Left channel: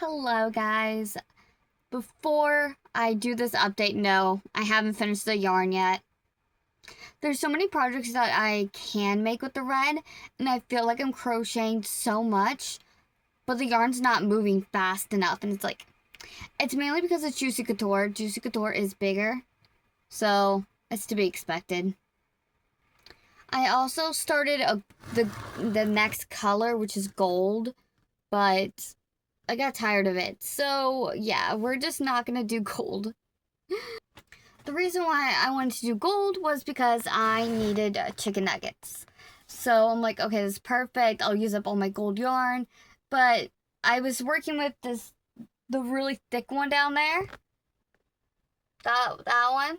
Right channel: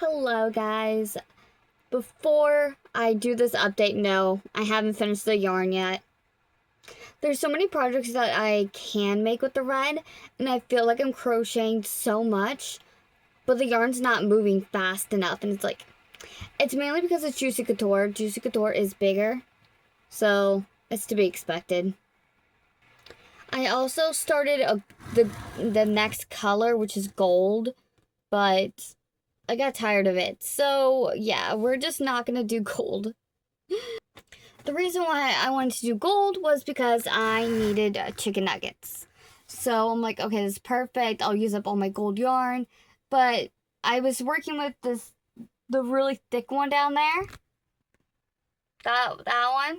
Hello guys. Before I do this update, no, I haven't finished the yarn yet. There's so many projects that I can make with the red, and I feel like I'm crocheting so much, but the yarn's not moving fast enough, and it's mainly because it's Juicy Couture. Juicy Couture is bigger, so it's to be expected. I also started the next color, which is gold, but I got tired of it. So, yeah, we're just not going to do gold. The reason why I wanted to do gold was because I needed chicken nuggets. So, I'm like, okay, this is perfect. I'll use up all my gold yarn. But I was working with the really thick one down there. That one.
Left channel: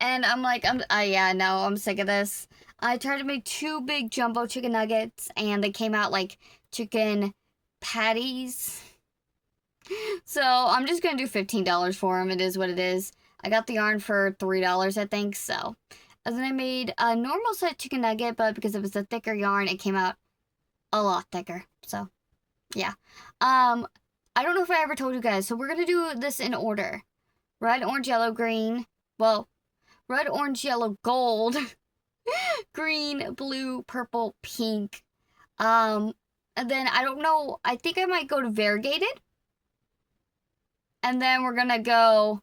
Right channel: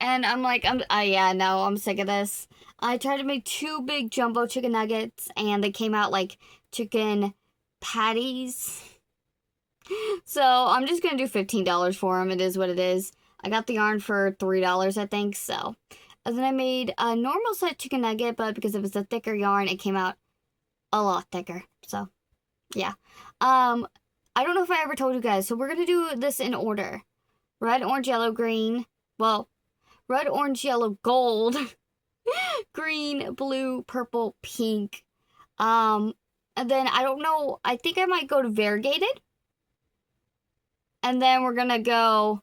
And I'm like, I'm sick of this. I tried to make 2 big jumbo chicken nuggets, and they came out like chicken patties. So I'm just gonna do $15 for them. It is what it is. I got the yarn for $3, I think. So, and then I made a normal size chicken nugget, but because it was a thicker yarn, it came out a lot thicker. So, yeah. I don't know if I ever told you guys. So we're gonna do this in order: red, orange, yellow, green. Well, red, orange, yellow, gold, green, blue, purple, pink. And then I don't know. I think I might go to variegated. And then we're gonna go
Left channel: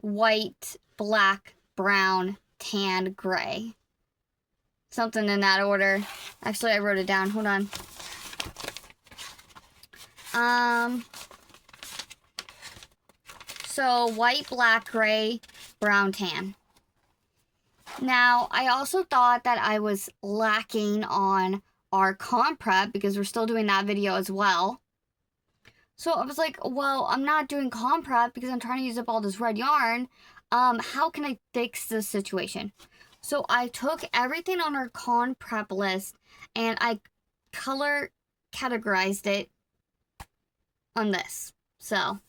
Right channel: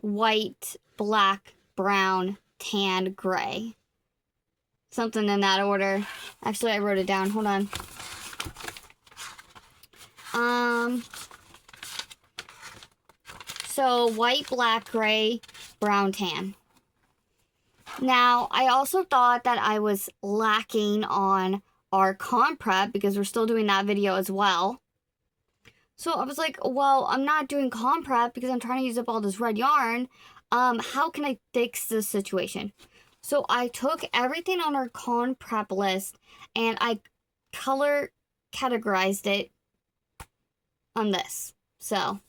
white, black, brown, tan, gray. Something in that order. Actually, I wrote it down. Hold on. So white, black, gray, brown, tan. Now, I also thought that I was lacking on our con prep because we're still doing that video as well. So I was like, well, I'm not doing con prep because I'm trying to use up all this red yarn. How can I fix this situation? So I took everything on our con prep list and I color categorized it on this. So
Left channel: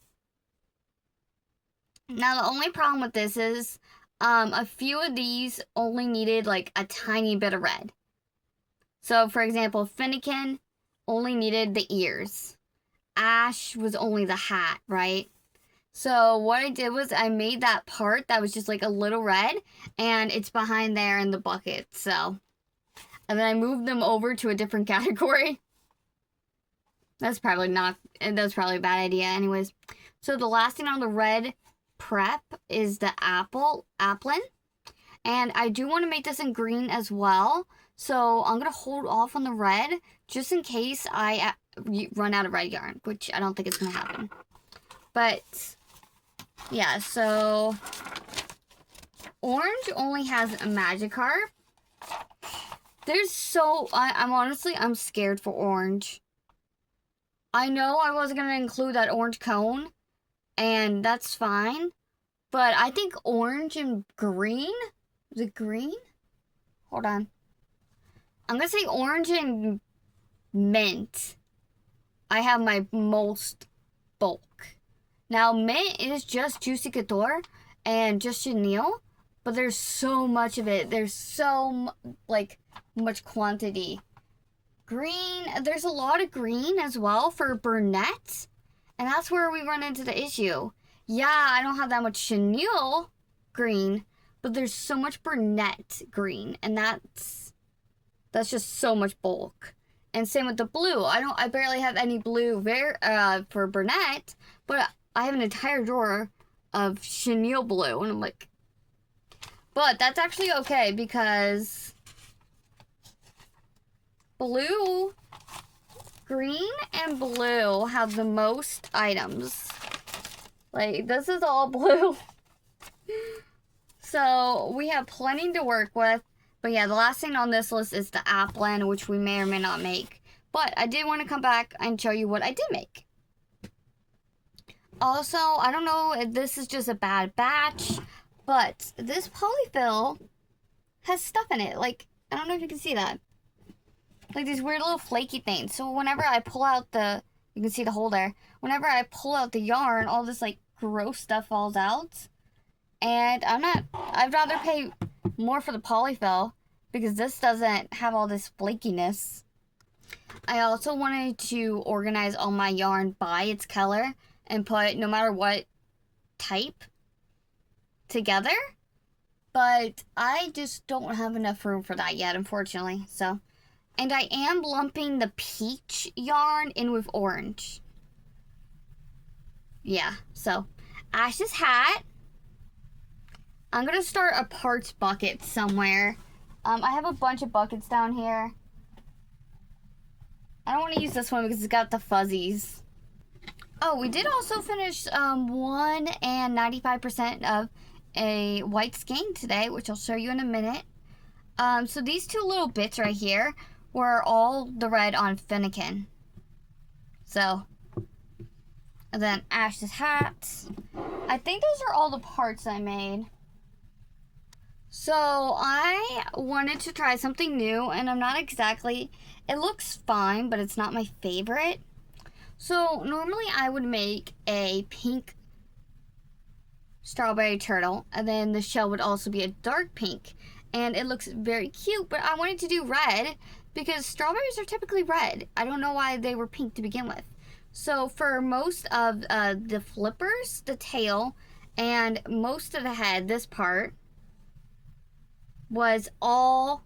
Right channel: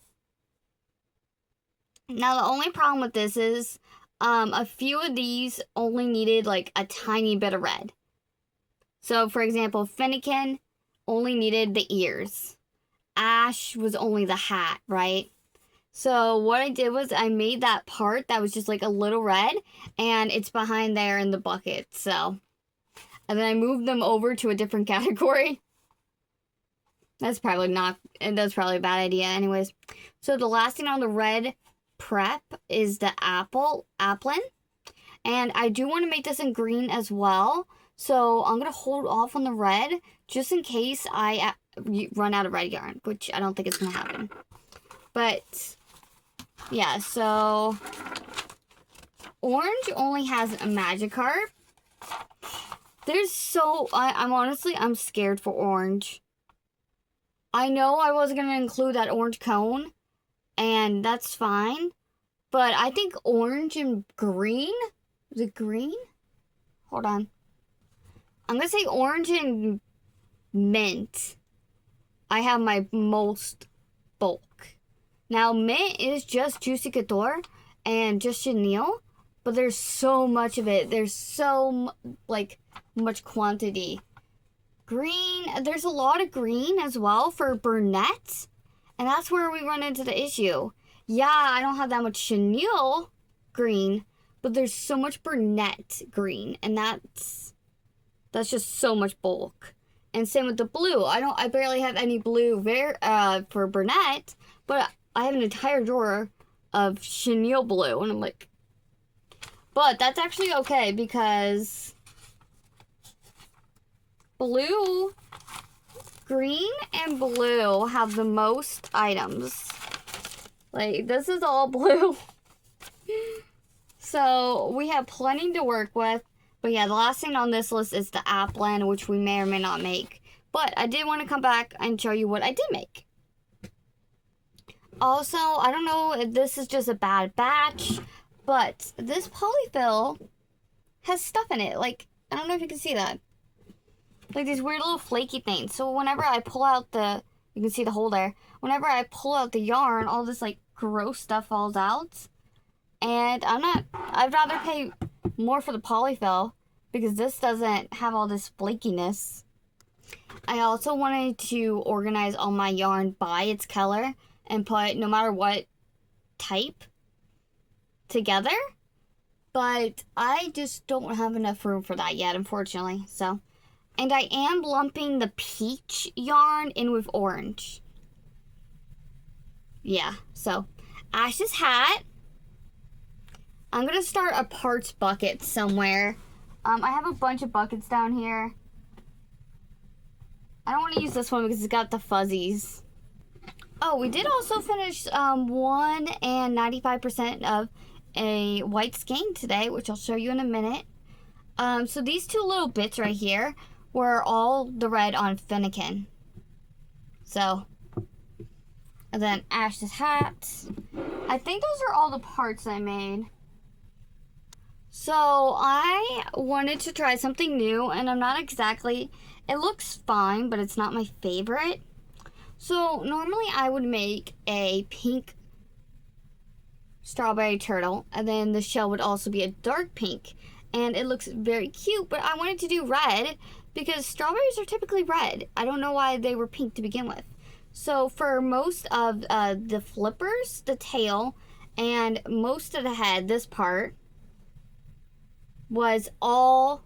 now the only problem with this is a few of these only needed like a tiny bit of red. So for example, Finnegan only needed the ears. Ash was only the hat, right? So what I did was I made that part that was just like a little red, and it's behind there in the bucket. So, and then I moved them over to a different category. That's probably a bad idea anyways. So the last thing on the red prep is the applin. And I do want to make this in green as well. So I'm going to hold off on the red just in case I run out of red yarn, which I don't think it's going to happen. But yeah, so orange only has a Magikarp. I'm scared for orange. I know I wasn't going to include that orange cone, and that's fine. But I think orange and green, is it green? Hold on. I'm going to say orange and mint. I have my most bulk. Now, mint is just Juicy Couture and just chenille, but there's so much of it. There's so, much quantity. Green, there's a lot of green as well for Burnett, and that's where we run into the issue. Yeah, I don't have that much chenille green, but there's so much Burnett green, and that's just so much bulk. And same with the blue. I barely have any blue for Burnett, but I have an entire drawer of chenille blue, and I'm like, but that's actually okay because green and blue have the most items. Like, this is all blue. So we have plenty to work with. But yeah, the last thing on this list is the applin, which we may or may not make. But I did want to come back and show you what I did make. Also, I don't know if this is just a bad batch, but this polyfill has stuff in it. Like, I don't know if you can see that. Like these weird little flaky things. So whenever I pull out you can see the hole there. Whenever I pull out the yarn, all this like gross stuff falls out. And I'd rather pay more for the polyfill because this doesn't have all this flakiness. I also wanted to organize all my yarn by its color and put no matter what type together. But I just don't have enough room for that yet, unfortunately. So, and I am lumping the peach yarn in with orange. Yeah, so Ash's hat. I'm gonna start a parts bucket somewhere. I have a bunch of buckets down here. I don't want to use this one because it's got the fuzzies. Oh, we did also finish 1 and 95% of a white skein today, which I'll show you in a minute. So these two little bits right here were all the red on Finnegan. So, and then Ash's hat. I think those are all the parts I made. So I wanted to try something new, and I'm not exactly, it looks fine, but it's not my favorite. So normally I would make a pink strawberry turtle, and then the shell would also be a dark pink, and it looks very cute, but I wanted to do red because strawberries are typically red. I don't know why they were pink to begin with. So for most of the flippers, the tail, and most of the head, this part was all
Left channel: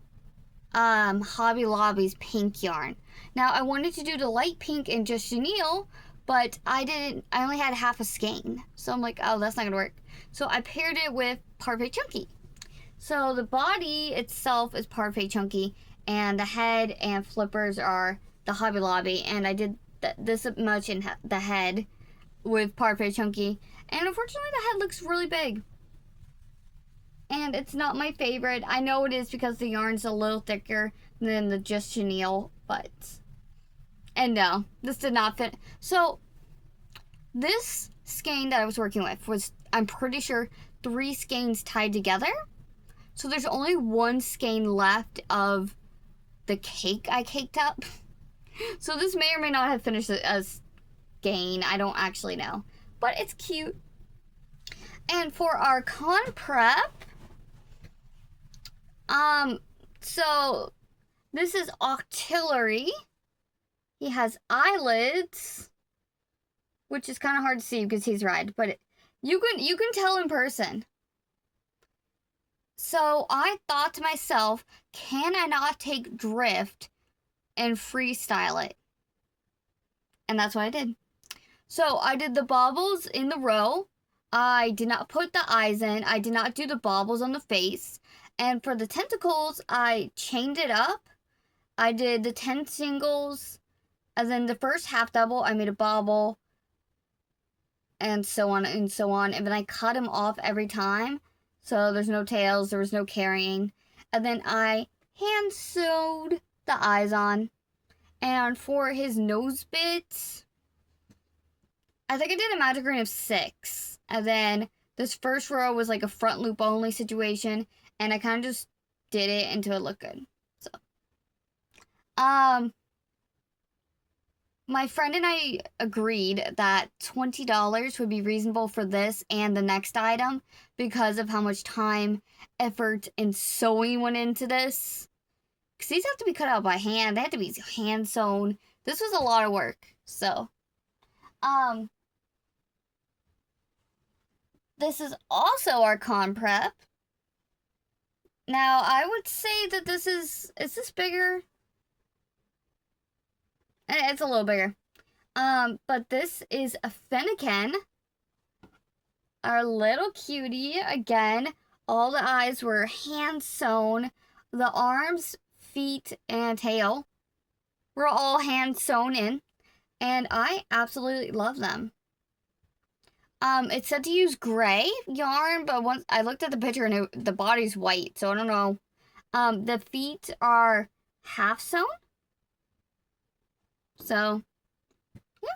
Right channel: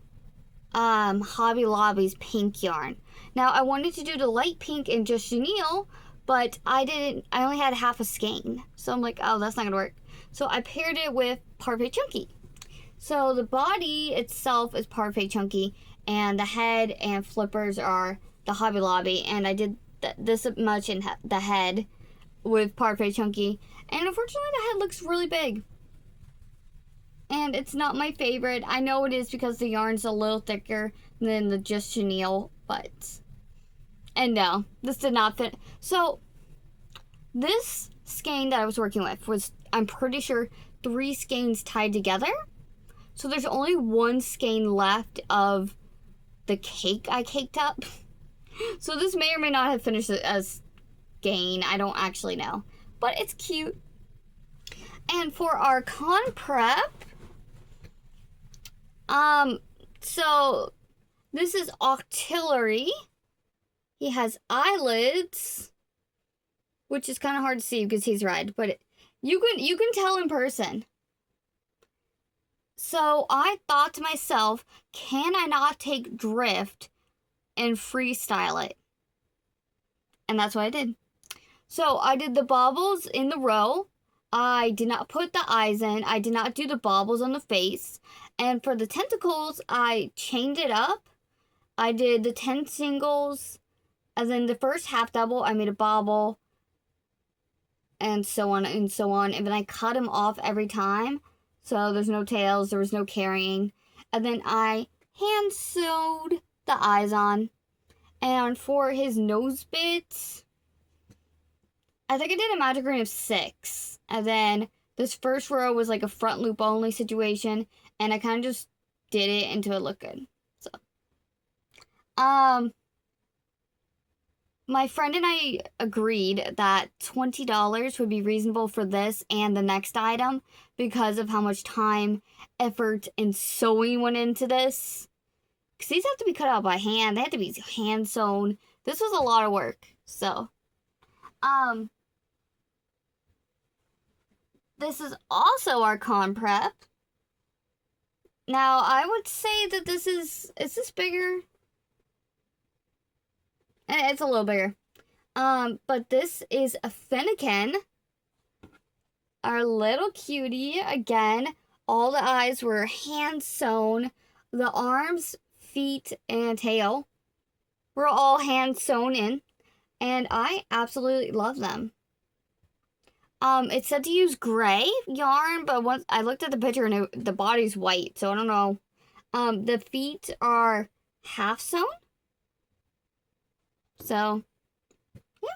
Hobby Lobby's pink yarn. Now I wanted to do the light pink and just chenille, but I only had half a skein. So I'm like, oh, that's not gonna work. So I paired it with Parfait Chunky. So the body itself is Parfait Chunky, and the head and flippers are the Hobby Lobby, and I did this much in the head with Parfait Chunky, and unfortunately the head looks really big. And it's not my favorite. I know it is because the yarn's a little thicker than the just chenille, but... And no, this did not fit. So, this skein that I was working with was, I'm pretty sure, 3 skeins tied together. So there's only 1 skein left of the cake I caked up. So this may or may not have finished as skein. I don't actually know. But it's cute. And for our con prep... so this is Octillery. He has eyelids, which is kind of hard to see because he's red, but you can tell in person. So I thought to myself, can I not take drift and freestyle it? And that's what I did. So I did the baubles in the row. I did not put the eyes in. I did not do the baubles on the face. And for the tentacles, I chained it up. I did the 10 singles. And then the first half double, I made a bauble. And so on and so on. And then I cut them off every time. So there's no tails. There was no carrying. And then I hand sewed the eyes on. And for his nose bits, I think I did a magic ring of 6. And then this first row was like a front loop only situation. And I kind of just did it until it looked good. So, my friend and I agreed that $20 would be reasonable for this and the next item because of how much time, effort, and sewing went into this. Because these have to be cut out by hand. They have to be hand sewn. This was a lot of work. So, this is also our con prep. Now, I would say that this is this bigger? It's a little bigger. But this is a Finnegan. Our little cutie. Again, all the eyes were hand sewn. The arms, feet, and tail were all hand sewn in. And I absolutely love them. It said to use gray yarn, but once I looked at the picture and the body's white, so I don't know. The feet are half sewn. So, yeah.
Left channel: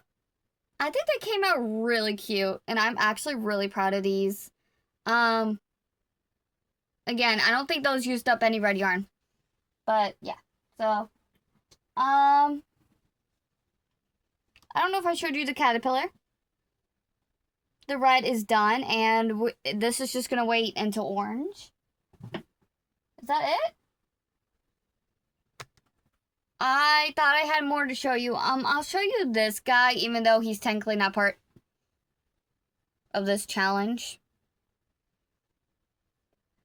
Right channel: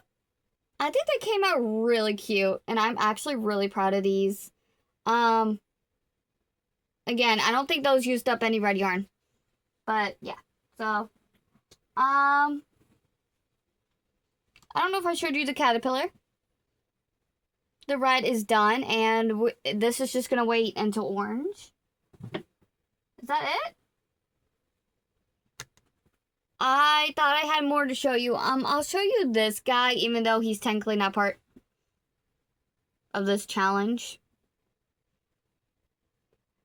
I think they came out really cute, and I'm actually really proud of these. Again, I don't think those used up any red yarn. But, yeah. So, I don't know if I showed you the caterpillar. The red is done, and this is just going to wait until orange. Is that it? I thought I had more to show you. I'll show you this guy, even though he's technically not part of this challenge.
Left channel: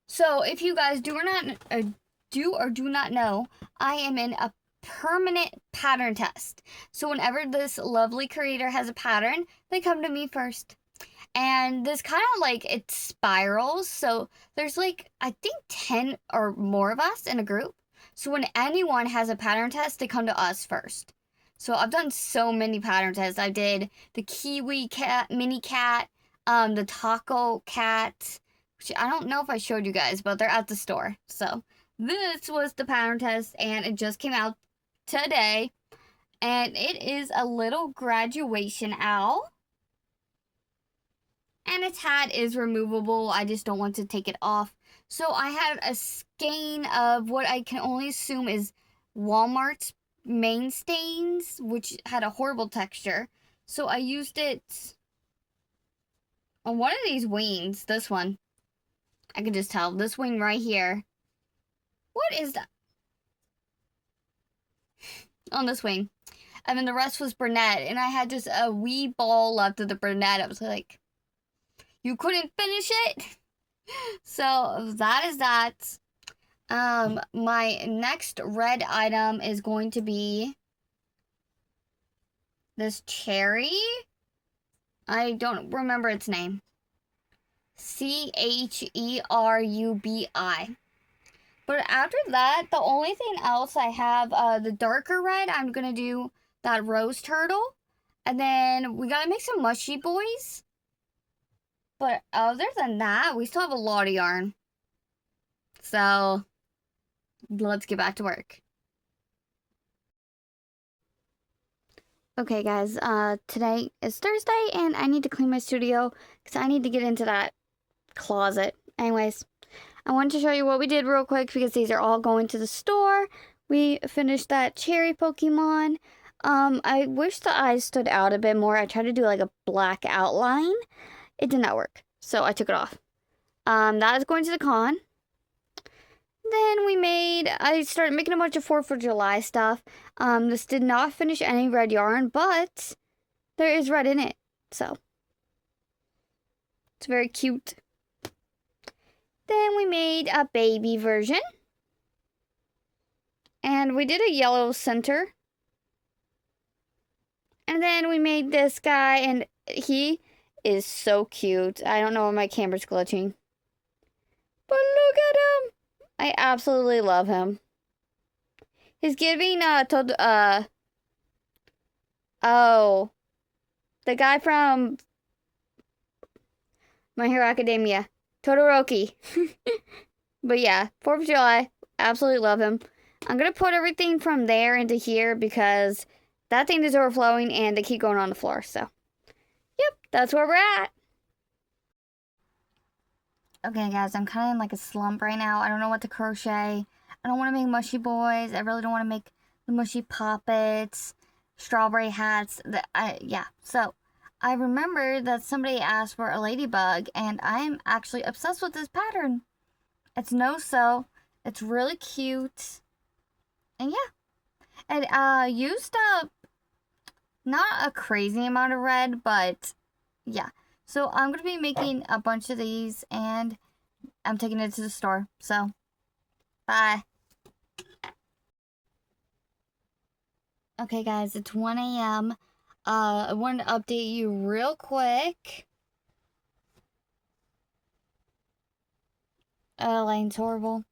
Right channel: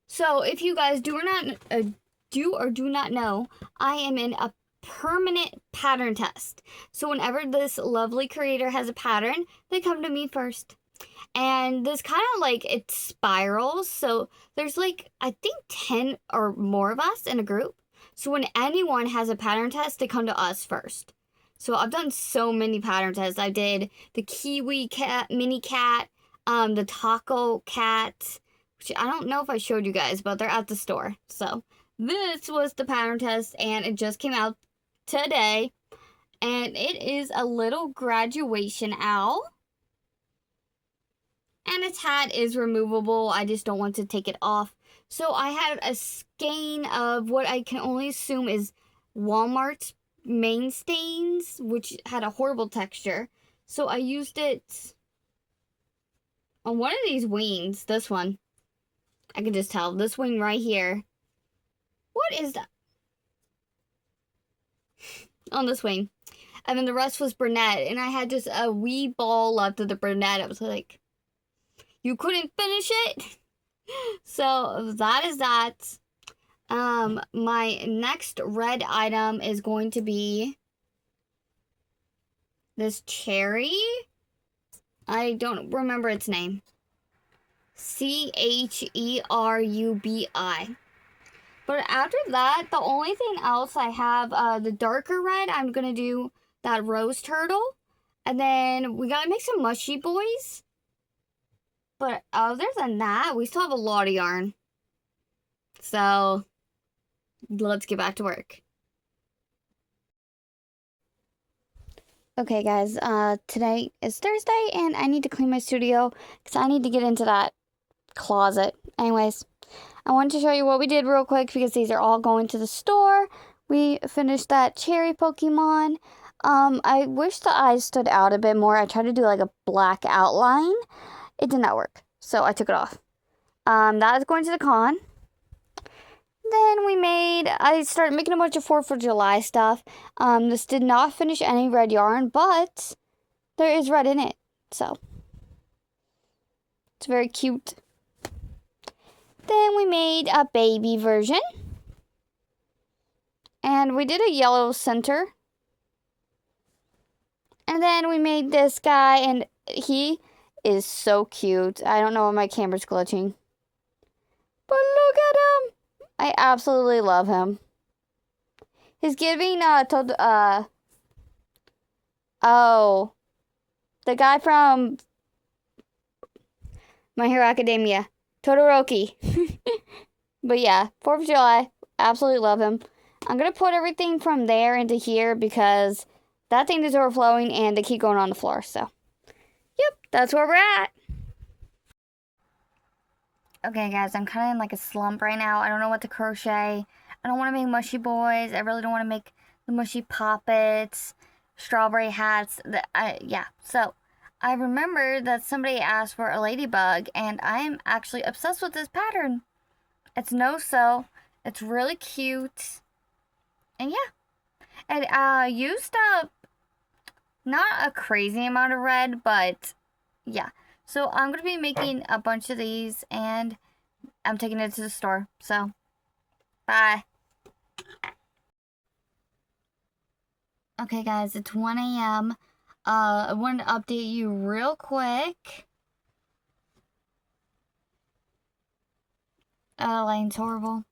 So, if you guys do or do not know, I am in a permanent pattern test. So, whenever this lovely creator has a pattern, they come to me first. And this kind of like, it spirals. So, there's like, I think 10 or more of us in a group. So, when anyone has a pattern test, they come to us first. So, I've done so many pattern tests. I did the kiwi cat, mini cat, the taco cat, which I don't know if I showed you guys, but they're at the store. So, this was the pattern test, and it just came out today. And it is a little graduation owl. And its hat is removable. I just don't want to take it off. So I had a skein of what I can only assume is Walmart's main stains, which had a horrible texture. So I used it on one of these wings. This one. I can just tell. This wing right here. What is that? On this wing. And then the rest was brunette. And I had just a wee ball left of the brunette. I was like, you couldn't finish it? So that is that. My next red item is going to be this cherry. I don't remember its name. Cherubi. But after that, the only thing else I have, the darker red, I'm going to do that rose turtle. And then we got to make some mushy boys. But other than that, we still have a lot of yarn. So, let's get back to work. Okay, guys, today is Thursday, and I need to clean my studio, because I need to get into that closet. Anyways, I wanted to show you what we did real quick, because these are all going to the store. We finished that cherry Pokemon. I wish the eyes stood out a bit more. I tried to do, like, a black outline. It did not work, so I took it off. That is going to the con. Then I started making a bunch of 4th of July stuff. This did not finish any red yarn, but there is red in it, so it's very cute. Then we made a baby version. And we did a yellow center. And then we made this guy, and he is so cute. I don't know why my camera's glitching. But look at him. I absolutely love him. He's giving, the guy from My Hero Academia. Todoroki. But yeah, 4th of July. Absolutely love him. I'm going to put everything from there into here because that thing is overflowing and they keep going on the floor. So, yep, that's where we're at. Okay, guys, I'm kind of in like a slump right now. I don't know what to crochet. I don't want to make mushy boys. I really don't want to make the mushy poppets, strawberry hats. Yeah, so I remember that somebody asked for a ladybug, and I'm actually obsessed with this pattern. It's no-sew. It's really cute. And yeah, it used up not a crazy amount of red, but yeah. So I'm going to be making a bunch of these, and I'm taking it to the store. So, bye. Okay, guys, it's 1 a.m. I wanted to update you real quick. Line's horrible.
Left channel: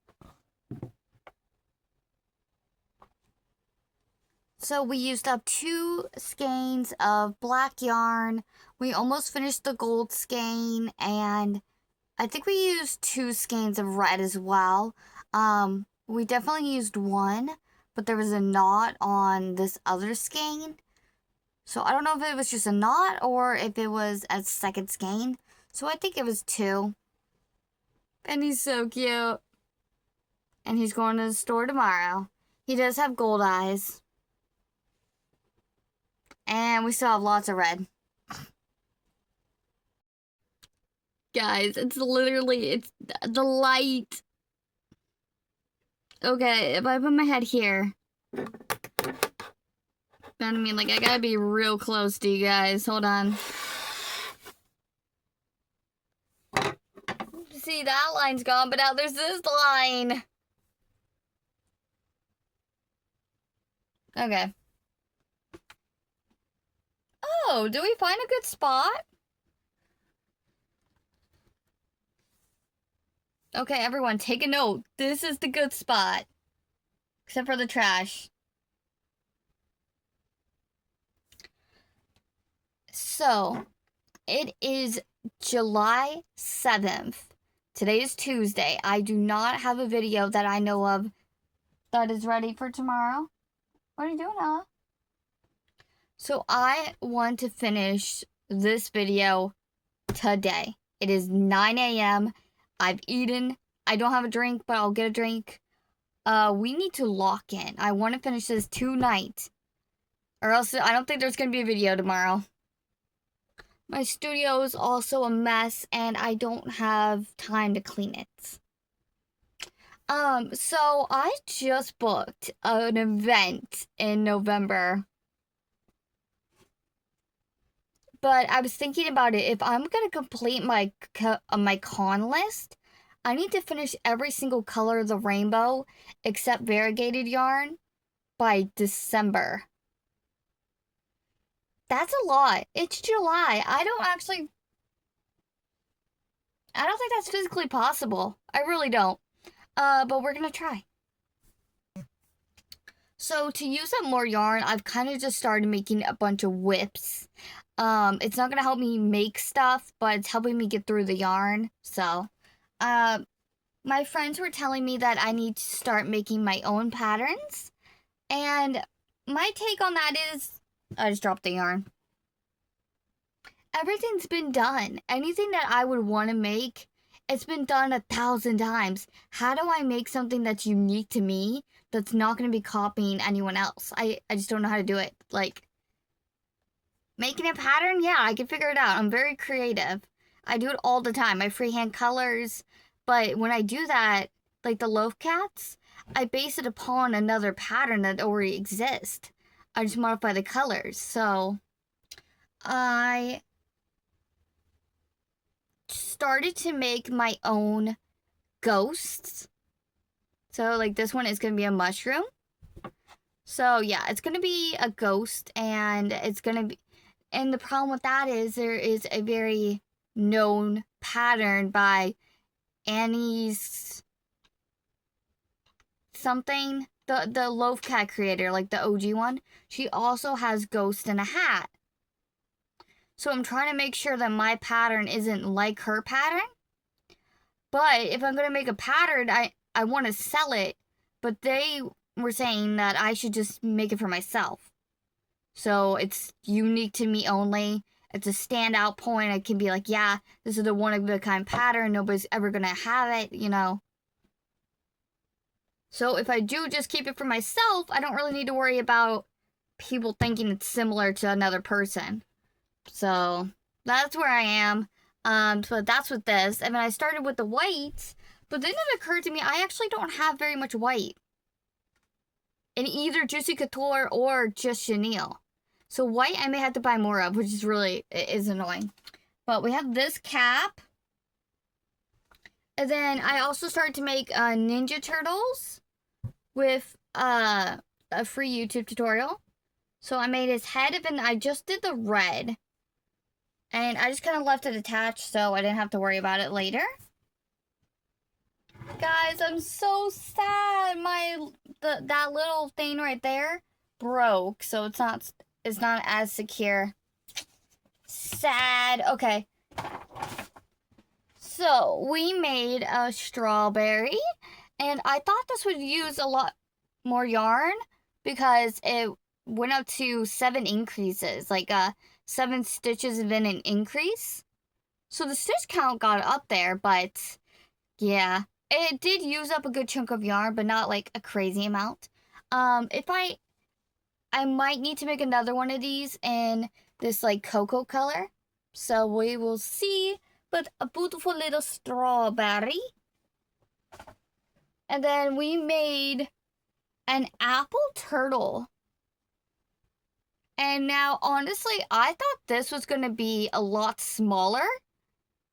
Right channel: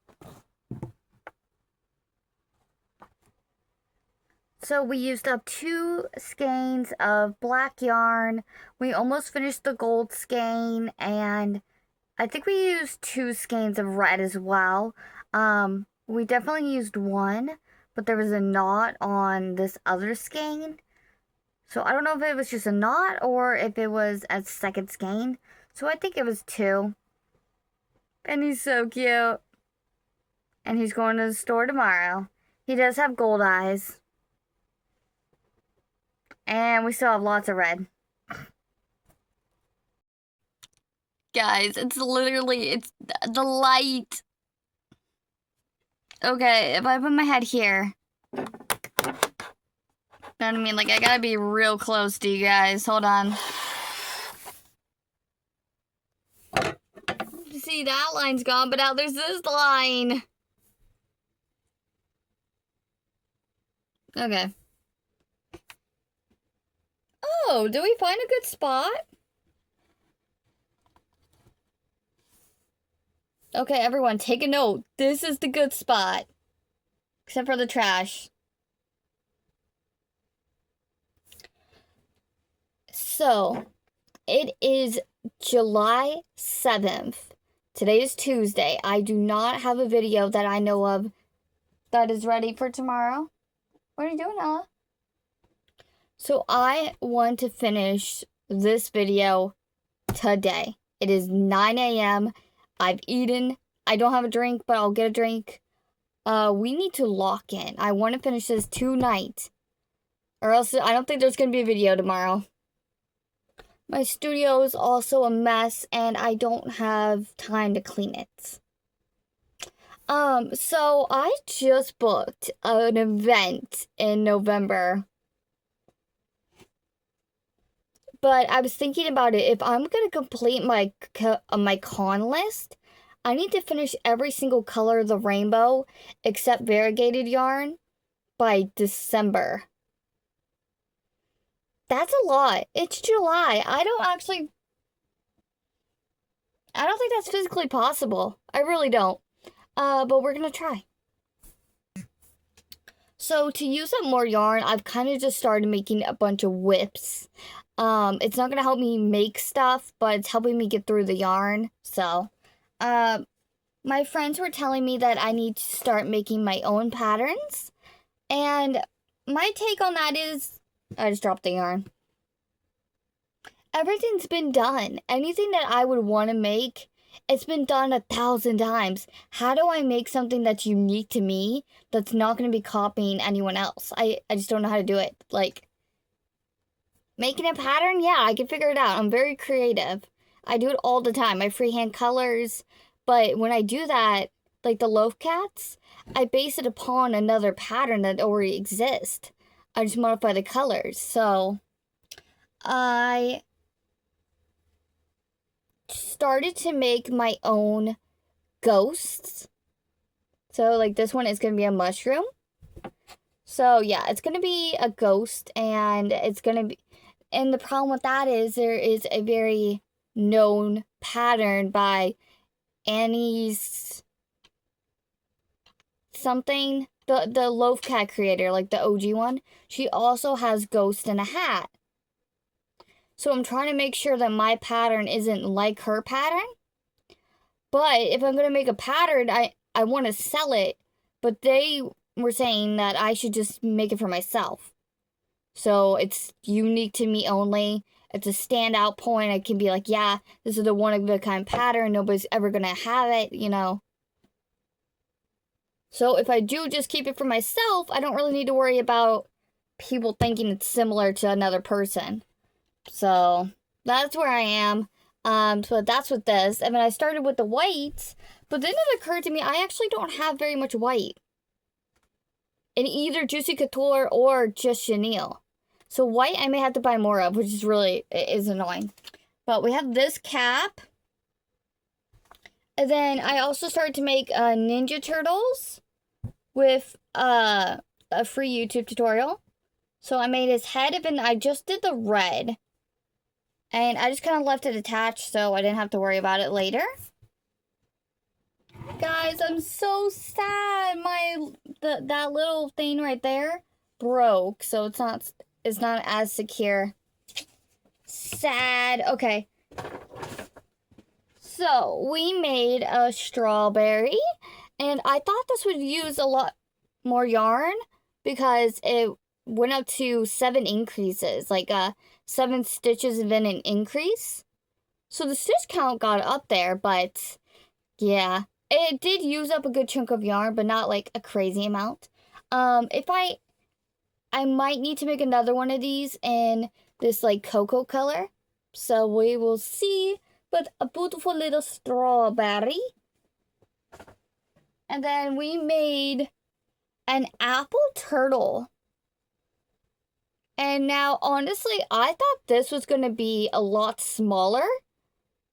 So we used up 2 skeins of black yarn. We almost finished the gold skein, and I think we used 2 skeins of red as well. We definitely used 1, but there was a knot on this other skein. So I don't know if it was just a knot or if it was a second skein. So I think it was 2. And he's so cute. And he's going to the store tomorrow. He does have gold eyes. And we still have lots of red. Guys, it's the light. Okay, if I put my head here, know what I mean? Like, I gotta be real close to you guys. Hold on. See, that line's gone, but now there's this line. Okay. Oh, do we find a good spot? Okay, everyone, take a note. This is the good spot. Except for the trash. So, it is July 7th. Today is Tuesday. I do not have a video that I know of that is ready for tomorrow. What are you doing, Ella? So I want to finish this video today. It is 9 a.m. I've eaten. I don't have a drink, but I'll get a drink. We need to lock in. I want to finish this tonight. Or else I don't think there's going to be a video tomorrow. My studio is also a mess, and I don't have time to clean it. So I just booked an event in November. But I was thinking about it. If I'm going to complete my con list, I need to finish every single color of the rainbow except variegated yarn by December. That's a lot. It's July. I don't think that's physically possible. I really don't. But we're going to try. So to use up more yarn, I've kind of just started making a bunch of whips. It's not going to help me make stuff, but it's helping me get through the yarn. So, my friends were telling me that I need to start making my own patterns. And my take on that is, I just dropped the yarn. Everything's been done. Anything that I would want to make, it's been done 1,000 times. How do I make something that's unique to me that's not going to be copying anyone else? I just don't know how to do it. Like, making a pattern? Yeah, I can figure it out. I'm very creative. I do it all the time. I freehand colors. But when I do that, like the loaf cats, I base it upon another pattern that already exists. I just modify the colors. So, I started to make my own ghosts. So, like, this one is going to be a mushroom. So, yeah, it's going to be a ghost, and it's going to be... And the problem with that is there is a very known pattern by Annie's something, the loaf cat creator, like the OG one. She also has ghost in a hat. So I'm trying to make sure that my pattern isn't like her pattern. But if I'm going to make a pattern, I want to sell it. But they were saying that I should just make it for myself. So it's unique to me only. It's a standout point. I can be like, yeah, this is the one-of-a-kind pattern. Nobody's ever going to have it, you know. So if I do just keep it for myself, I don't really need to worry about people thinking it's similar to another person. So that's where I am. So that's with this. And then I started with the whites. But then it occurred to me, I actually don't have very much white. In either Juicy Couture or just chenille. So white I may have to buy more of, which is annoying. But we have this cap. And then I also started to make Ninja Turtles with a free YouTube tutorial. So I made his head, and I just did the red. And I just kind of left it attached so I didn't have to worry about it later. Guys, I'm so sad. That little thing right there broke, so it's not as secure. Sad. Okay. So, we made a strawberry, and I thought this would use a lot more yarn because it went up to 7 increases, like 7 stitches and then an increase. So the stitch count got up there, but yeah, it did use up a good chunk of yarn, but not like a crazy amount. If I might need to make another one of these in this like cocoa color. So we will see. But a beautiful little strawberry. And then we made an apple turtle. And now, honestly, I thought this was going to be a lot smaller.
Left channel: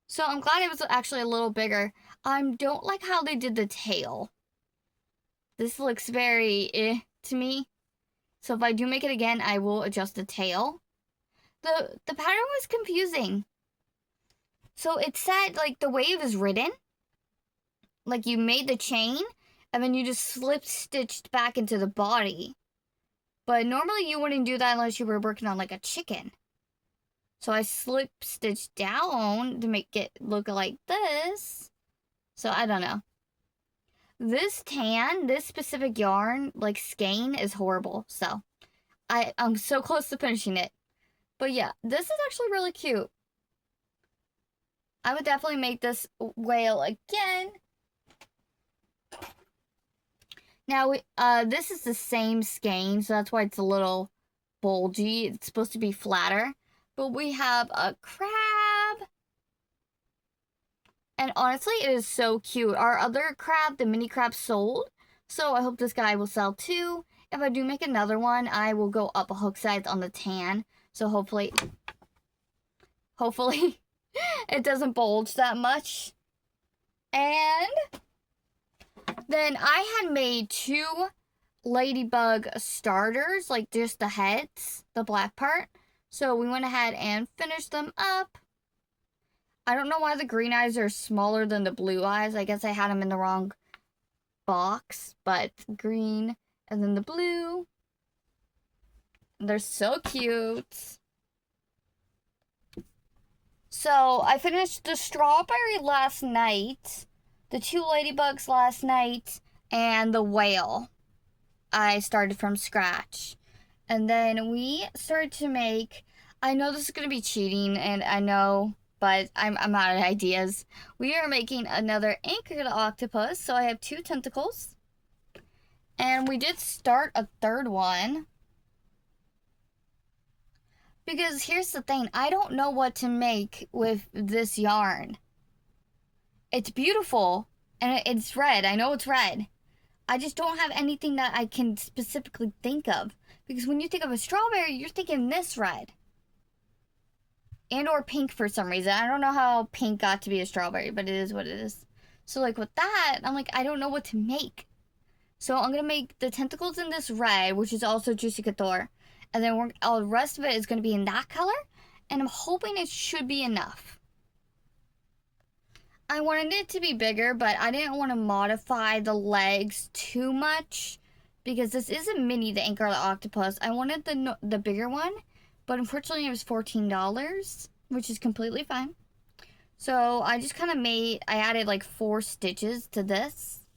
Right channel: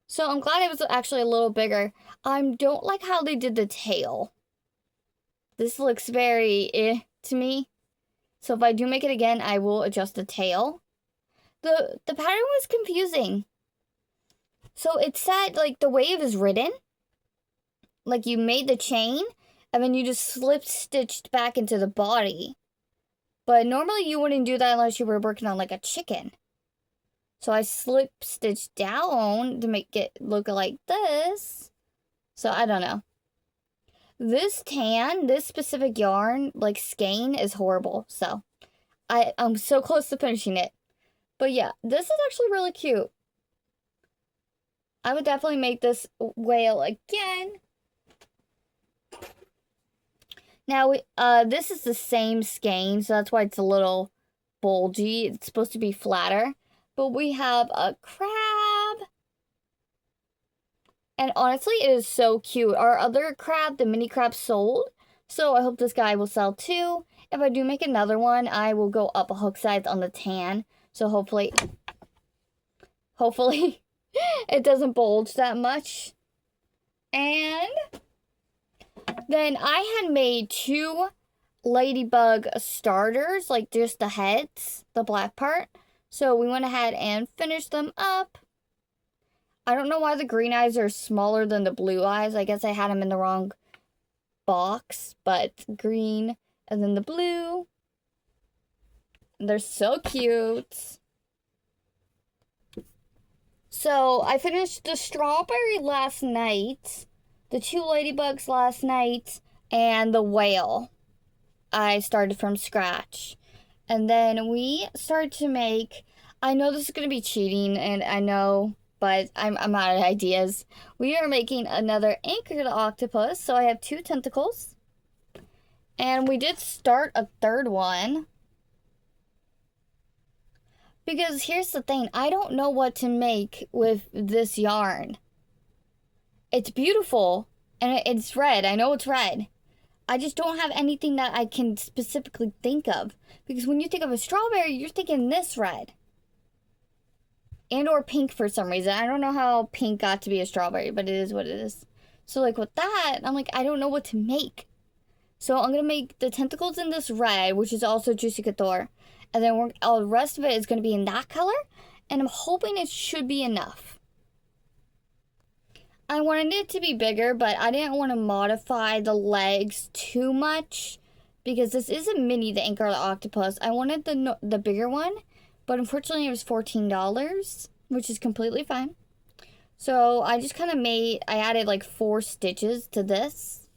So I'm glad it was actually a little bigger. I don't like how they did the tail. This looks very to me. So if I do make it again, I will adjust the tail. The pattern was confusing. So it said, like, the way it was written, like, you made the chain, and then you just slip-stitched back into the body. But normally you wouldn't do that unless you were working on, like, a chicken. So I slip-stitched down to make it look like this. So I don't know. This specific yarn, like skein, is horrible. So I'm so close to finishing it. But yeah, this is actually really cute. I would definitely make this whale again. Now, this is the same skein, so that's why it's a little bulgy. It's supposed to be flatter. But we have a crab. And honestly, it is so cute. Our other crab, the mini crab, sold. So I hope this guy will sell too. If I do make another one, I will go up a hook size on the tan. So hopefully it doesn't bulge that much. And then I had made 2 ladybug starters, like just the heads, the black part. So we went ahead and finished them up. I don't know why the green eyes are smaller than the blue eyes. I guess I had them in the wrong box, but green and then the blue. They're so cute. So I finished the strawberry last night, the 2 ladybugs last night, and the whale. I started from scratch. And then we started to make, I know this is going to be cheating, and I know, but I'm out of ideas. We are making another anchored octopus, so I have 2 tentacles. And we did start a 3rd one. Because here's the thing, I don't know what to make with this yarn. It's beautiful, and it's red. I know it's red. I just don't have anything that I can specifically think of. Because when you think of a strawberry, you're thinking this red. And or pink for some reason. I don't know how pink got to be a strawberry, but it is what it is. So like with that, I'm like, I don't know what to make. So I'm going to make the tentacles in this red, which is also Juicy Couture. And then the rest of it is going to be in that color. And I'm hoping it should be enough. I wanted it to be bigger, but I didn't want to modify the legs too much. Because this is a mini, the Anchor Octopus. I wanted the bigger one. But unfortunately, it was $14. Which is completely fine. So I just kind of I added like 4 stitches to this.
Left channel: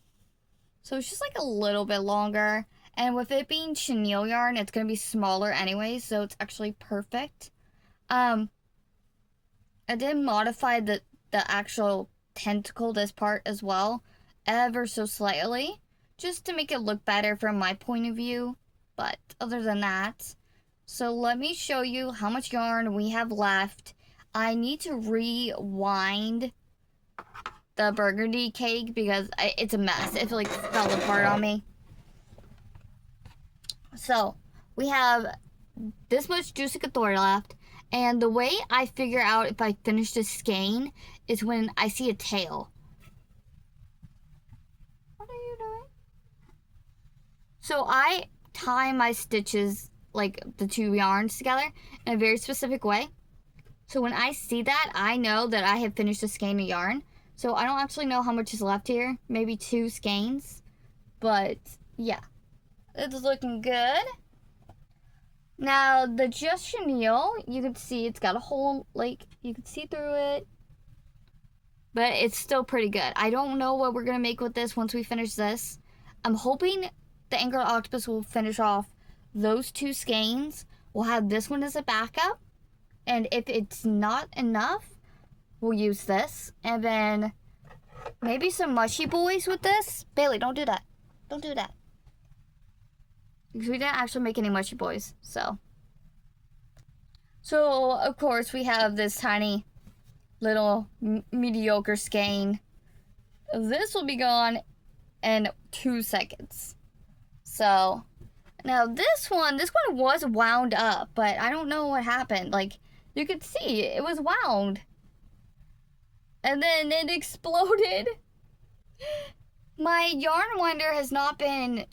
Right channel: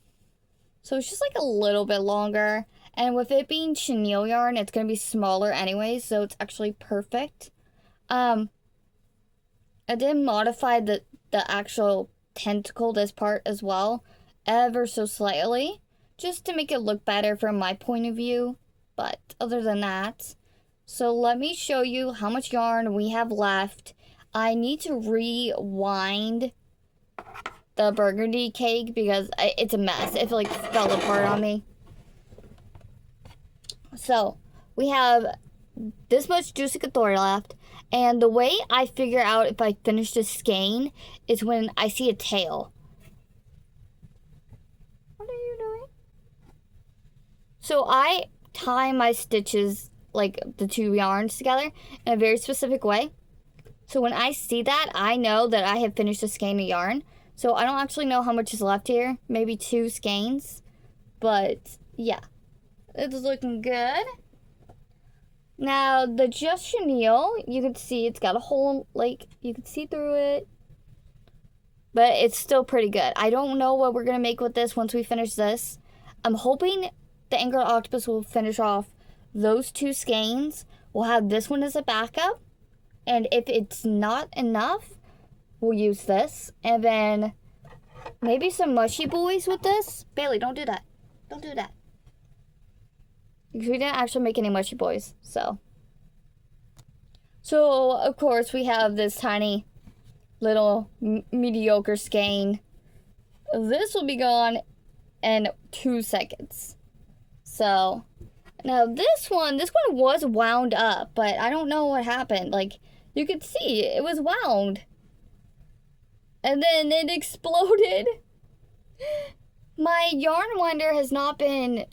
So it's just like a little bit longer. And with it being chenille yarn, it's going to be smaller anyway, so it's actually perfect. I did modify the actual tentacle, this part as well, ever so slightly, just to make it look better from my point of view. But other than that, so let me show you how much yarn we have left. I need to rewind the burgundy cake because it's a mess. It like fell apart on me. So, we have this much Juicy Couture left. And the way I figure out if I finish this skein is when I see a tail. What are you doing? So, I tie my stitches, like the 2 yarns together, in a very specific way. So, when I see that, I know that I have finished a skein of yarn. So, I don't actually know how much is left here. Maybe 2 skeins. But, yeah. It's looking good. Now, the just chenille, you can see it's got a hole, like, you can see through it. But it's still pretty good. I don't know what we're going to make with this once we finish this. I'm hoping the Anchor Octopus will finish off those 2 skeins. We'll have this one as a backup. And if it's not enough, we'll use this. And then maybe some mushy boys with this. Bailey, don't do that. Don't do that. Because we didn't actually make any mushy boys, so. So, of course, we have this tiny little mediocre skein. This will be gone in 2 seconds. So, Now this one was wound up, but I don't know what happened. Like, you could see it was wound. And then it exploded. My yarn winder has not been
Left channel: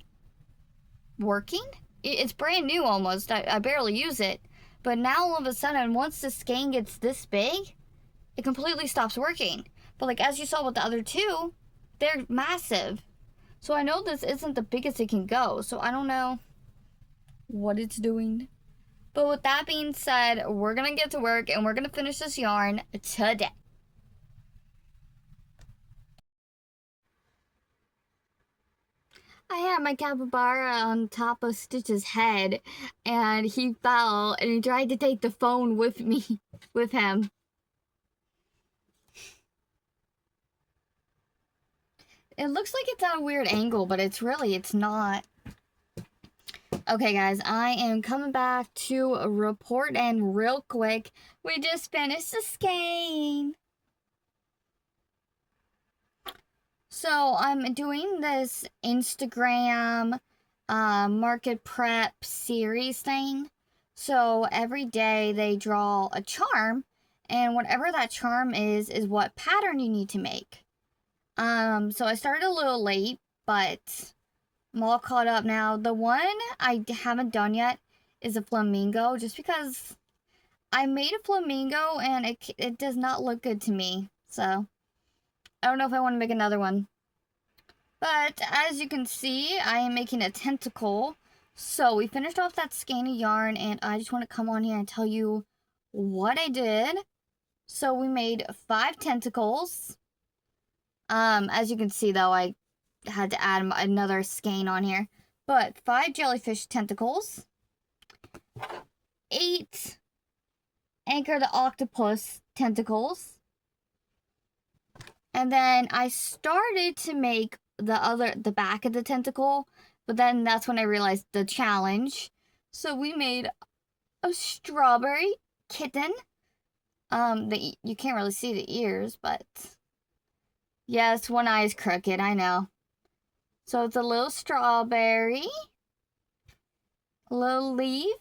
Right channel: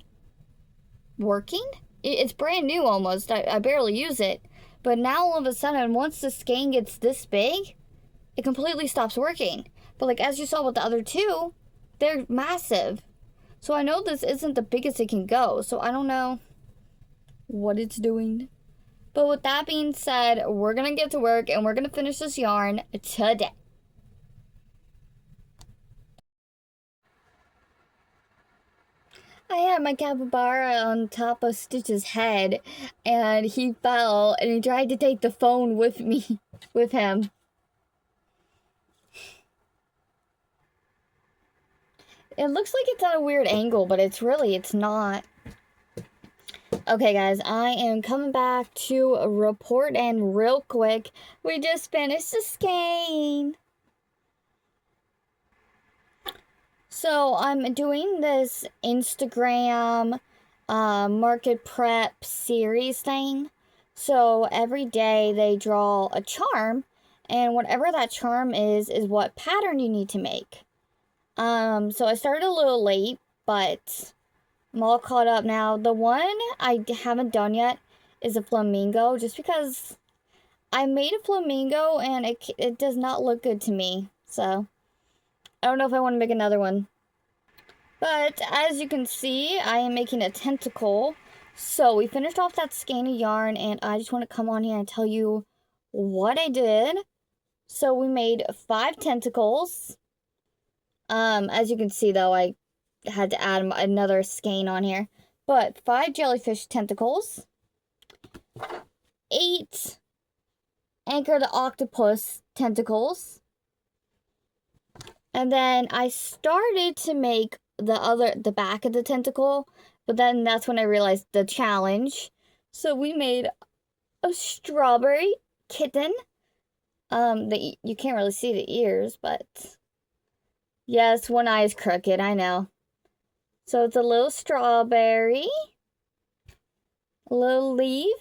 working. It's brand new almost. I barely use it. But now all of a sudden, once the skein gets this big, it completely stops working. But like as you saw with the other two, they're massive. So I know this isn't the biggest it can go. So I don't know what it's doing. But with that being said, we're gonna get to work and we're gonna finish this yarn today. I had my capybara on top of Stitch's head, and he fell, and he tried to take the phone with me, with him. It looks like it's at a weird angle, but it's not. Okay, guys, I am coming back to report, and real quick, we just finished the skein. So I'm doing this Instagram market prep series thing. So every day they draw a charm, and whatever that charm is what pattern you need to make. So I started a little late, but I'm all caught up now. The one I haven't done yet is a flamingo, just because I made a flamingo and it does not look good to me. So I don't know if I want to make another one. But as you can see, I am making a tentacle. So we finished off that skein of yarn, and I just want to come on here and tell you what I did. So we made 5 tentacles. As you can see though, I had to add another skein on here. But 5 jellyfish tentacles. 8 Anchor the Octopus tentacles. And then I started to make the back of the tentacle, but then that's when I realized the challenge. So we made a strawberry kitten. You can't really see the ears, but yes, one eye is crooked, I know. So it's a little strawberry, a little leaf.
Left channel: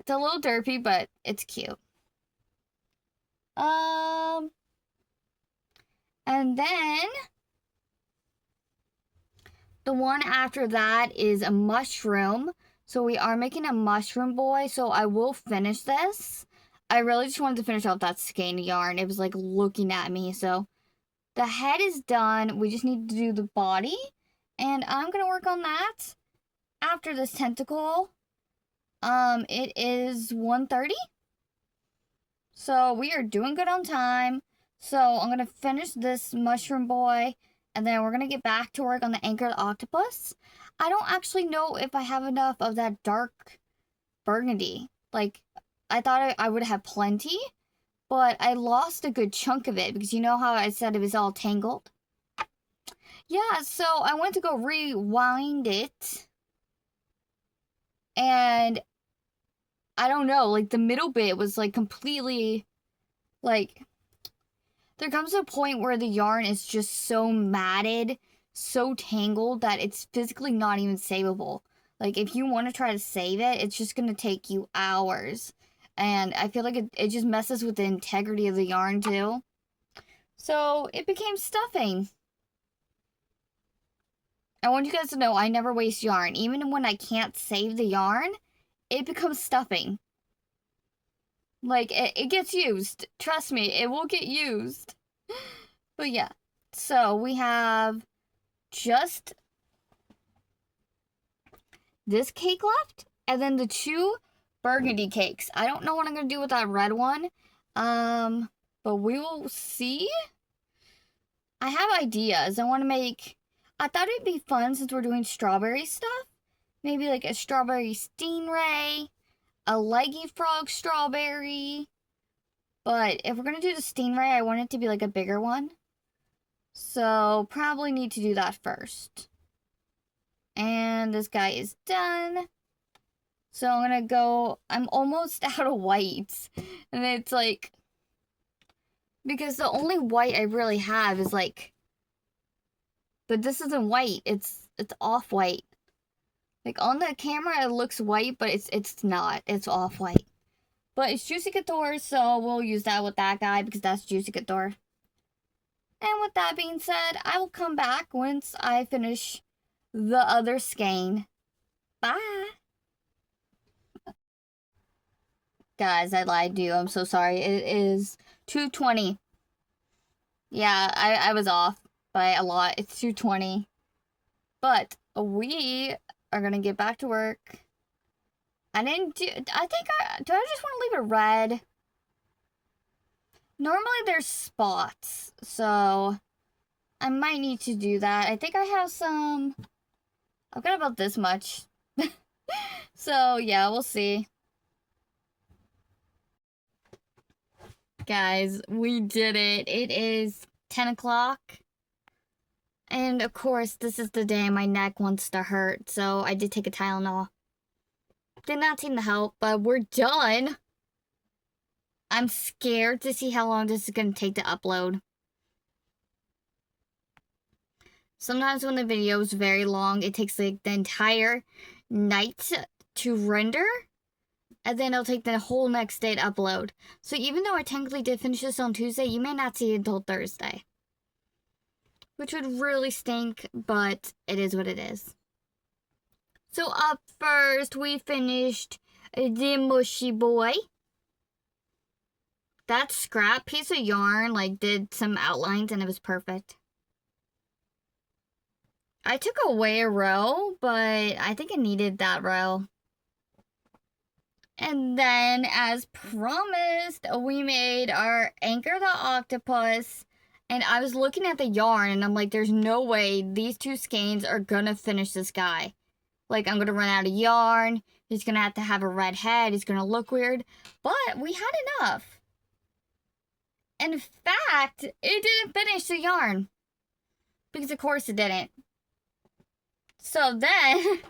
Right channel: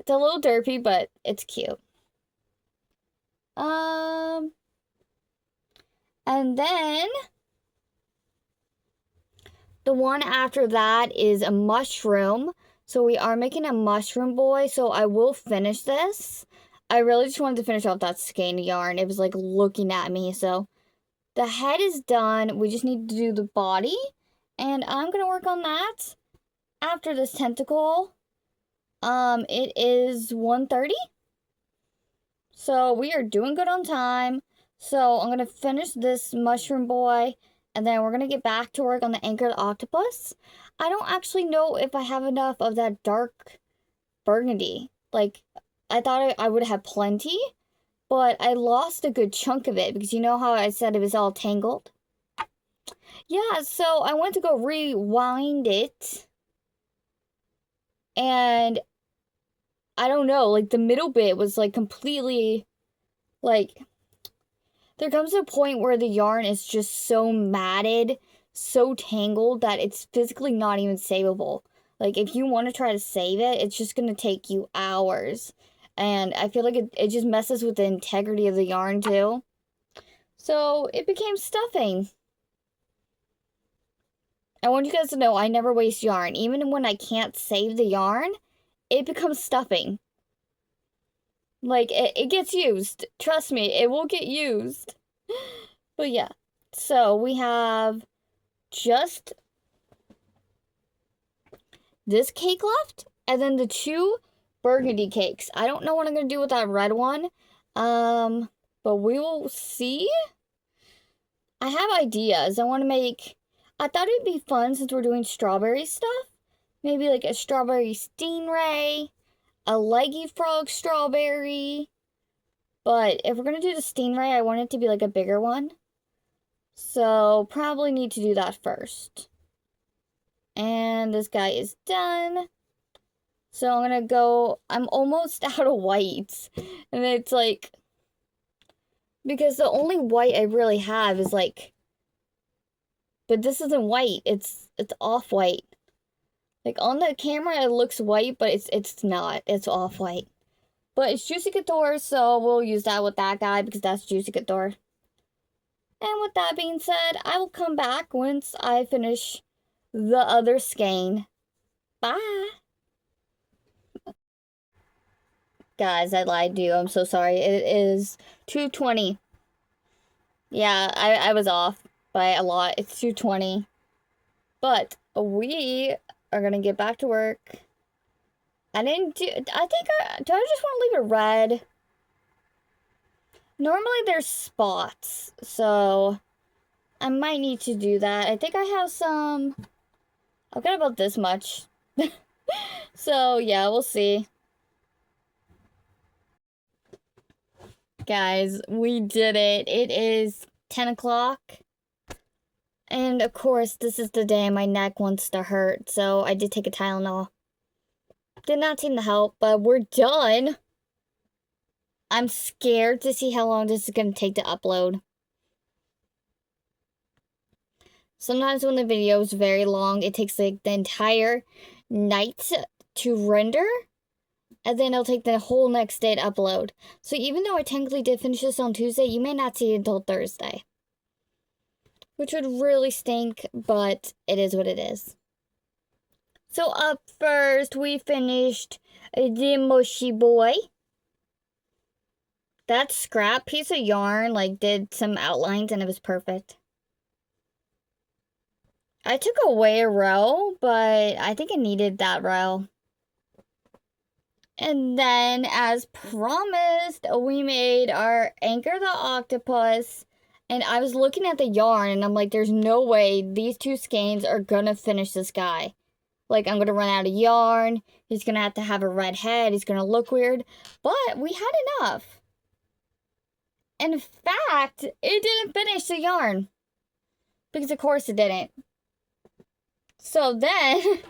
It's a little derpy, but it's cute. And then the one after that is a mushroom. So we are making a mushroom boy. So I will finish this. I really just wanted to finish off that skein of yarn. It was like looking at me. So the head is done. We just need to do the body. And I'm going to work on that after this tentacle. It is 1:30. So we are doing good on time. So I'm going to finish this mushroom boy, and then we're going to get back to work on the Anchor the Octopus. I don't actually know if I have enough of that dark burgundy. Like, I thought I would have plenty, but I lost a good chunk of it because you know how I said it was all tangled? Yeah, so I went to go rewind it, and I don't know, like the middle bit was like completely, like, there comes a point where the yarn is just so matted, so tangled that it's physically not even savable. Like if you want to try to save it, it's just going to take you hours. And I feel like it just messes with the integrity of the yarn too. So it became stuffing. I want you guys to know I never waste yarn. Even when I can't save the yarn, it becomes stuffing. Like, it gets used. Trust me, it will get used. But yeah, so we have just this cake left, and then the 2 burgundy cakes. I don't know what I'm going to do with that red one, but we will see. I have ideas. I want to make, I thought it'd be fun since we're doing strawberry stuff. Maybe like a strawberry stingray, a leggy frog strawberry. But if we're going to do the stingray, I want it to be like a bigger one. So probably need to do that first. And this guy is done. So I'm going to go, I'm almost out of whites. And it's like, because the only white I really have is like, but this isn't white. It's off-white. Like on the camera it looks white, but it's not. It's off-white. But it's Juicy Couture, so we'll use that with that guy because that's Juicy Couture. And with that being said, I will come back once I finish the other skein. Bye! Guys, I lied to you. I'm so sorry. It is 2:20. Yeah, I was off by a lot. It's 2:20. But we are gonna get back to work. I think do I just want to leave it red? Normally there's spots, so I might need to do that. I think I have some. I've got about this much. So yeah, we'll see. Guys, we did it. It is 10 o'clock. And of course, this is the day my neck wants to hurt, so I did take a Tylenol. Did not seem to help, but we're done. I'm scared to see how long this is going to take to upload. Sometimes when the video is very long, it takes like the entire night to render. And then it'll take the whole next day to upload. So even though I technically did finish this on Tuesday, you may not see it until Thursday. Which would really stink, but it is what it is. So up first, we finished the Mushy Boy. That scrap piece of yarn, like, did some outlines and it was perfect. I took away a row, but I think it needed that row. And then, as promised, we made our Anchor the Octopus. And I was looking at the yarn, and I'm like, there's no way these two skeins are gonna finish this guy. Like, I'm gonna run out of yarn. He's gonna have a red head. He's gonna look weird. But we had enough. In fact, it didn't finish the yarn. Because, of course, it didn't. So then,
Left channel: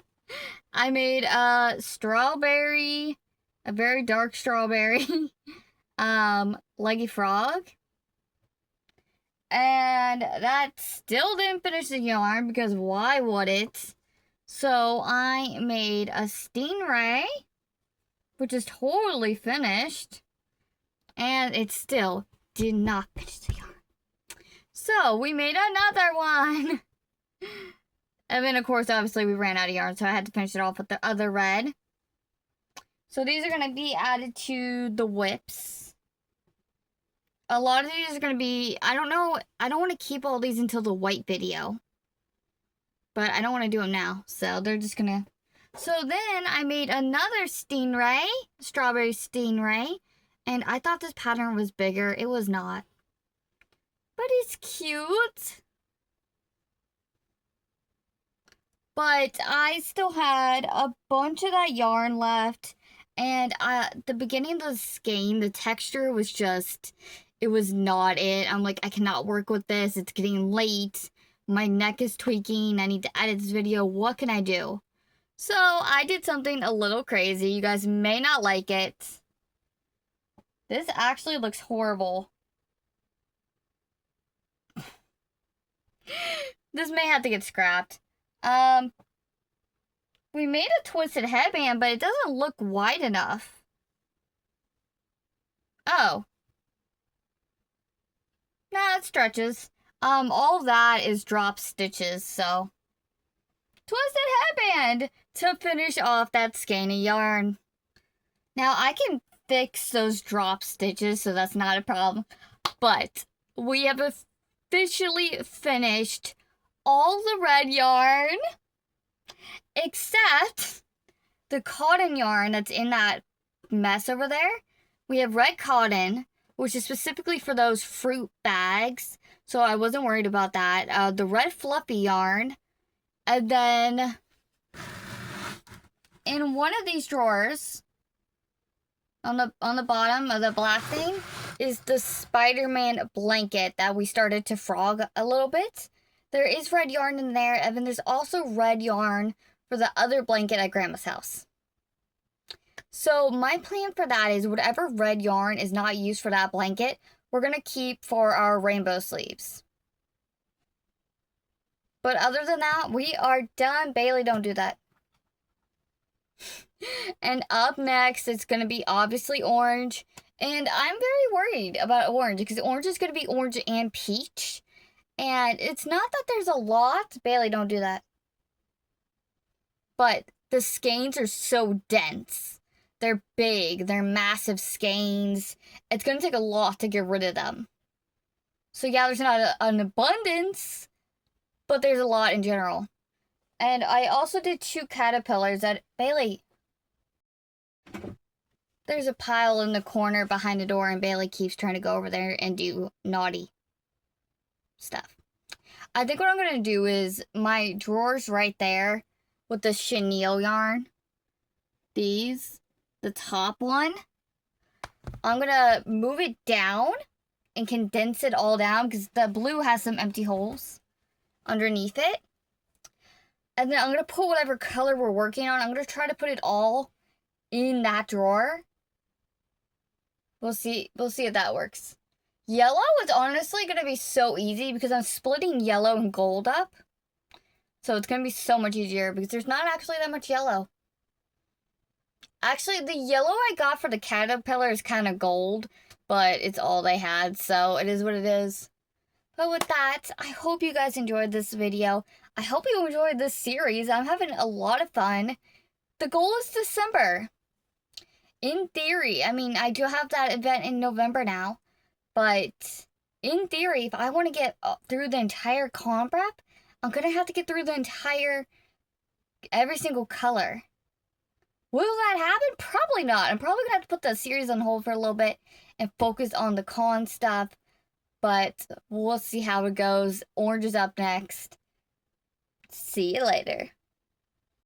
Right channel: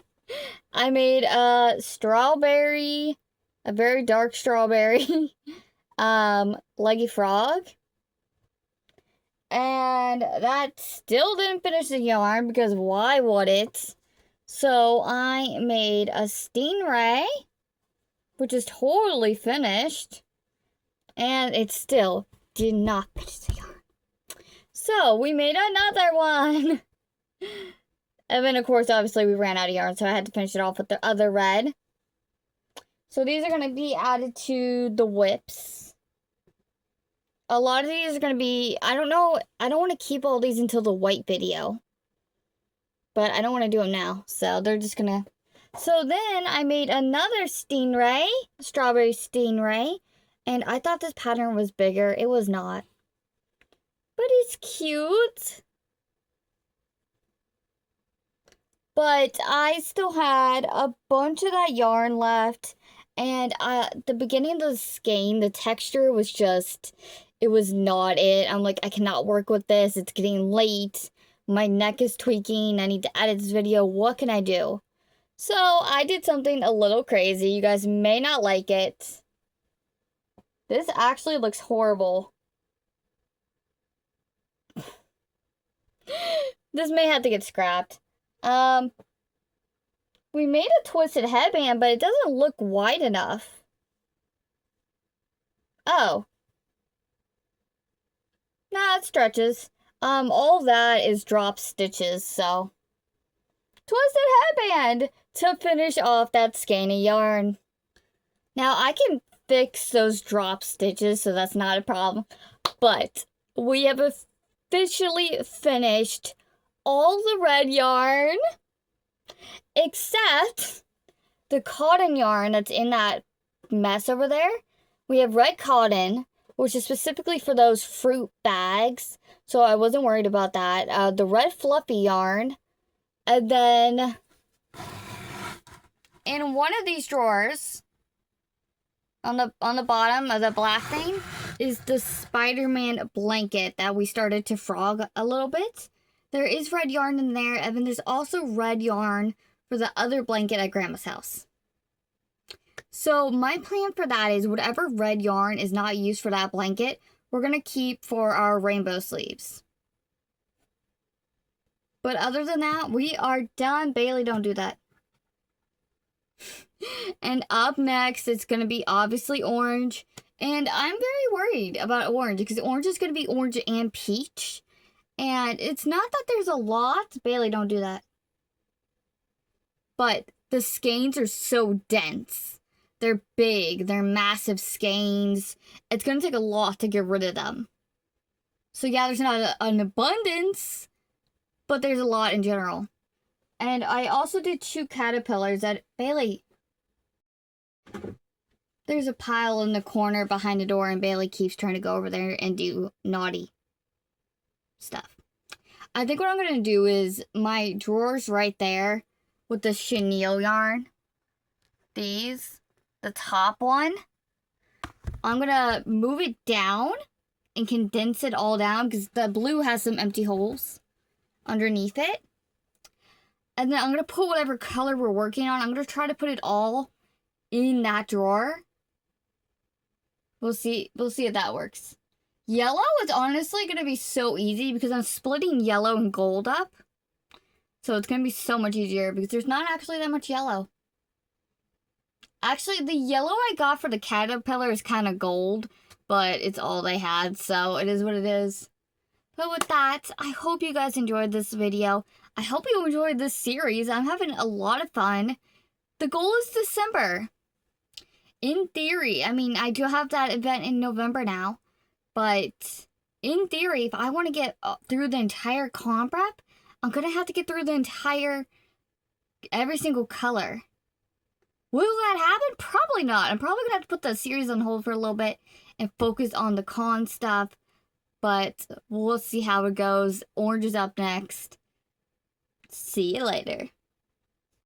I made a strawberry, a very dark strawberry, leggy frog. And that still didn't finish the yarn because why would it? So I made a stingray, which is totally finished. And it still did not finish the yarn. So we made another one. And then, of course, obviously, we ran out of yarn, so I had to finish it off with the other red. So these are going to be added to the whips. A lot of these are going to be, I don't know, I don't want to keep all these until the white video. But I don't want to do them now, so they're just going to. So then I made another stingray, strawberry stingray. And I thought this pattern was bigger. It was not. But it's cute. But I still had a bunch of that yarn left. And the beginning of the skein, the texture was just, it was not it. I'm like, I cannot work with this. It's getting late. My neck is tweaking. I need to edit this video. What can I do? So I did something a little crazy. You guys may not like it. This actually looks horrible. This may have to get scrapped. We made a twisted headband, but it doesn't look wide enough. Oh. Nah, it stretches. All that is drop stitches, so. Twisted headband to finish off that skein of yarn. Now, I can fix those drop stitches, so that's not a problem. But we have officially finished all the red yarn, except the cotton yarn that's in that mess over there. We have red cotton, which is specifically for those fruit bags, so I wasn't worried about that. The red fluffy yarn, and then in one of these drawers, on the bottom of the black thing, is the Spider-Man blanket that we started to frog a little bit. There is red yarn in there, and then there's also red yarn for the other blanket at Grandma's house. So my plan for that is whatever red yarn is not used for that blanket, we're going to keep for our rainbow sleeves. But other than that, we are done. Bailey, don't do that. And up next, it's going to be obviously orange. And I'm very worried about orange because orange is going to be orange and peach. And it's not that there's a lot. Bailey, don't do that. But the skeins are so dense. They're big. They're massive skeins. It's going to take a lot to get rid of them. So yeah, there's not an abundance, but there's a lot in general. And I also did 2 caterpillars that, Bailey, there's a pile in the corner behind the door and Bailey keeps trying to go over there and do naughty stuff. I think what I'm going to do is my drawers right there with the chenille yarn. These, the top one, I'm going to move it down and condense it all down because the blue has some empty holes underneath it. And then I'm going to put whatever color we're working on. I'm going to try to put it all in that drawer. We'll see if that works. Yellow is honestly going to be so easy because I'm splitting yellow and gold up. So it's going to be so much easier because there's not actually that much yellow. Actually, the yellow I got for the caterpillar is kind of gold, but it's all they had, so it is what it is. But with that, I hope you guys enjoyed this video. I hope you enjoyed this series. I'm having a lot of fun. The goal is December. In theory, I mean, I do have that event in November now, but in theory, if I want to get through the entire con prep, I'm going to have to get through every single color. Will that happen? Probably not. I'm probably going to have to put the series on hold for a little bit and focus on the con stuff, but we'll see how it goes. Orange is up next. See you later.